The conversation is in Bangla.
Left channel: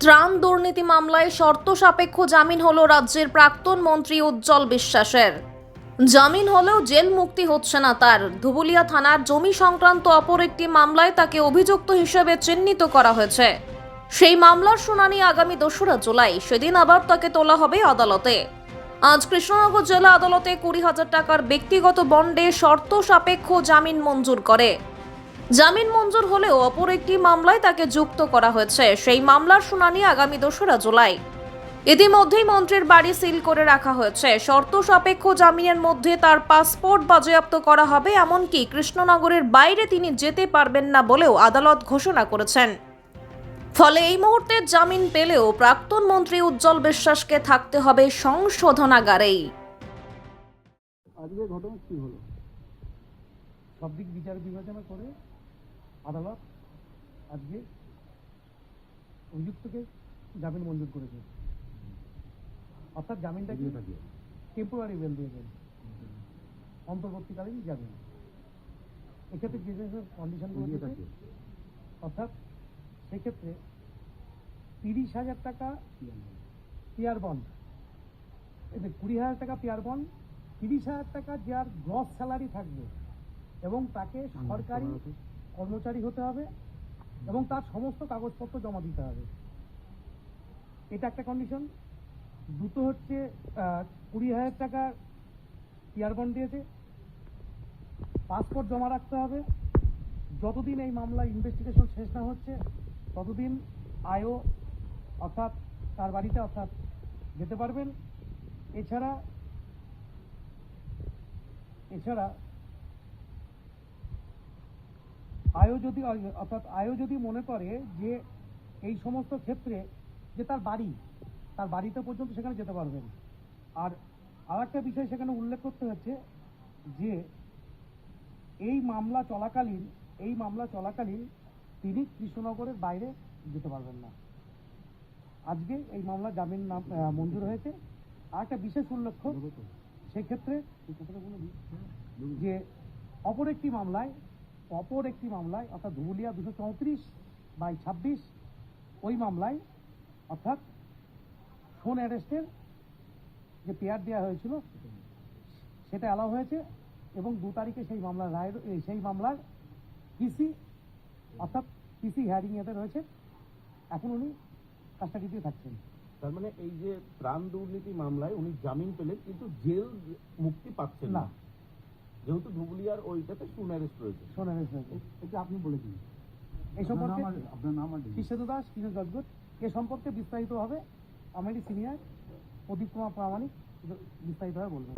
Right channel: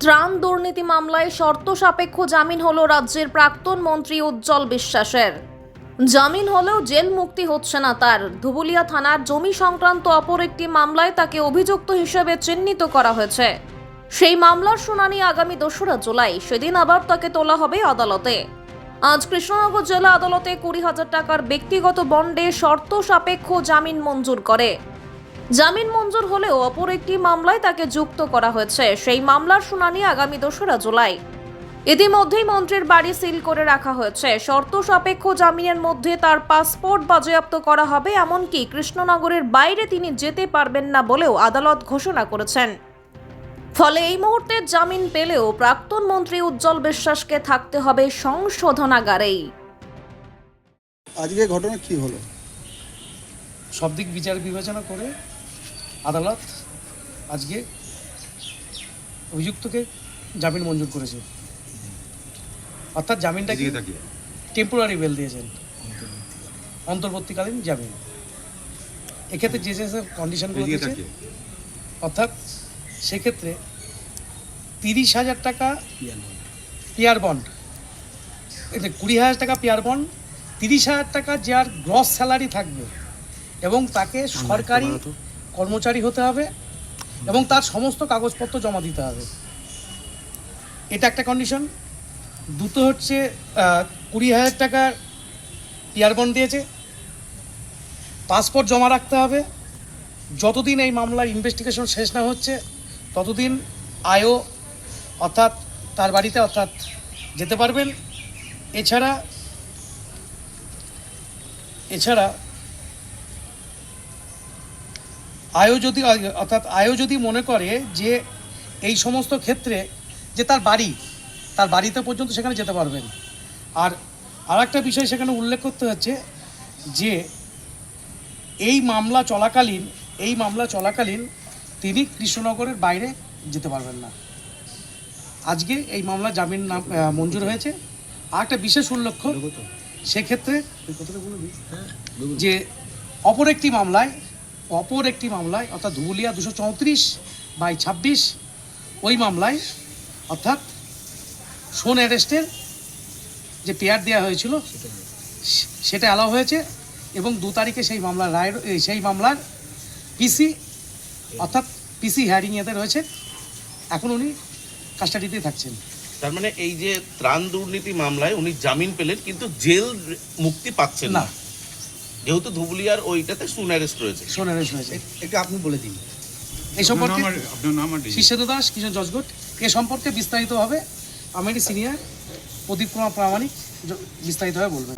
ত্রাণ দুর্নীতি মামলায় শর্ত সাপেক্ষ জামিন হলো রাজ্যের প্রাক্তন মন্ত্রী উজ্জ্বল বিশ্বাসের। জামিন হলেও জেল মুক্তি হচ্ছে না তার। ধুবুলিয়া থানার জমি সংক্রান্ত অপর একটি মামলায় তাকে অভিযুক্ত হিসেবে চিহ্নিত করা হয়েছে। সেই মামলার শুনানি আগামী 2রা জুলাই। সেদিন আবার তাকে তোলা হবে আদালতে। আজ কৃষ্ণনগর জেলা আদালতে 20,000 টাকার ব্যক্তিগত বন্ডে শর্ত সাপেক্ষ জামিন মঞ্জুর করে। জামিন মঞ্জুর হলেও অপর একটি মামলায় তাকে যুক্ত করা হয়েছে। সেই মামলার শুনানি আগামী 2রা জুলাই। ইতিমধ্যেই মন্ত্রীর বাড়ি সিল করে রাখা হয়েছে। শর্ত সাপেক্ষ জামিনের মধ্যে তার পাসপোর্ট বাজেয়াপ্ত করা হবে, এমনকি কৃষ্ণনগরের বাইরে তিনি যেতে পারবেন না বলেও আদালত ঘোষণা করেছেন। ফলে এই মুহূর্তে জামিন পেলেও প্রাক্তন মন্ত্রী উজ্জ্বল বিশ্বাসকে থাকতে হবে সংশোধনাগারেই। আজকে ঘটনা কি হলো? সব দিক বিচার বিবেচনা করে আদালত আজকে অভিযুক্তকে জামিন মঞ্জুর করেছে। অর্থাৎ জামিনটা কি টেম্পোরারি বেল দিয়েছেন, অন্তর্বর্তীকালীন জামিন। এক্ষেত্রে যে যে কন্ডিশনগুলো দিয়েছে, অর্থাৎ সেক্ষেত্রে 30,000 টাকা পিয়ার বন্ড, 20,000 টাকা পিয়ার বন্ড, 30,000 টাকা যার গ্রস স্যালারি থাকবে এবং তাকে সরকারি কর্মচারী হতে হবে এবং তার সমস্ত কাগজপত্র জমা দিতে হবে। এটা একটা কন্ডিশন। দুটো হচ্ছে 20,000 টাকা পিয়ার বন্ড দিয়েছে, পাসপোর্ট জমা রাখতে হবে। যতদিন এই মামলার ইনভেস্টিগেশন শেষ না হচ্ছে ততদিন আয়ও অর্থাৎ তার বাড়িতে অর্থাৎ যেতে পারবেন। এছাড়া আয়ও যদি মনে করে যে এই সমস্ত ক্ষেত্রে যে তার বাড়িতে পর্যন্ত সেখানে যেতে পারবেন। আর একটা বিষয় সেখানে উল্লেখ করতে হচ্ছে যে এই মামলা চলাকালীন তিনি কৃষ্ণনগরের বাইরে যেতে পারবেন না। আজকে এই মামলা জামিন মঞ্জুর হয়েছে। আর একটা বিশেষ উল্লেখ্য সেক্ষেত্রে যে অপর একটি মামলায় অর্থাৎ ধুবুলিয়া 234/26 ওই মামলায় অর্থাৎ শোন অ্যারেস্টের যে পেয়ার দেওয়া হয়েছিল সেটা অ্যালাউ হয়েছে এবং 2 তারিখে সেই মামলার পিসি অর্থাৎ পিসি হিয়ারিং এতে রয়েছে। এখন উনি কাস্টাডিতেই থাকছেন। তার মানে এই যে ত্রাণ দুর্নীতি মামলায় উনি জামিন পেলেন কিন্তু জেল মুক্তি পাচ্ছেন না, যেহেতু ধুবুলিয়ার ওইটাতে শোন অ্যারেস্ট রয়েছে। এটা আপনি বলে দিন। এই সম্পর্কে শিষ্যেন্দু দাস, কিশোর জজগোট, এ সম্পর্কে বিস্তারিতভাবে আমার সিনিয়র প্রদীপ কুমার প্রামাণিক বিস্তারিতভাবে বলবেন।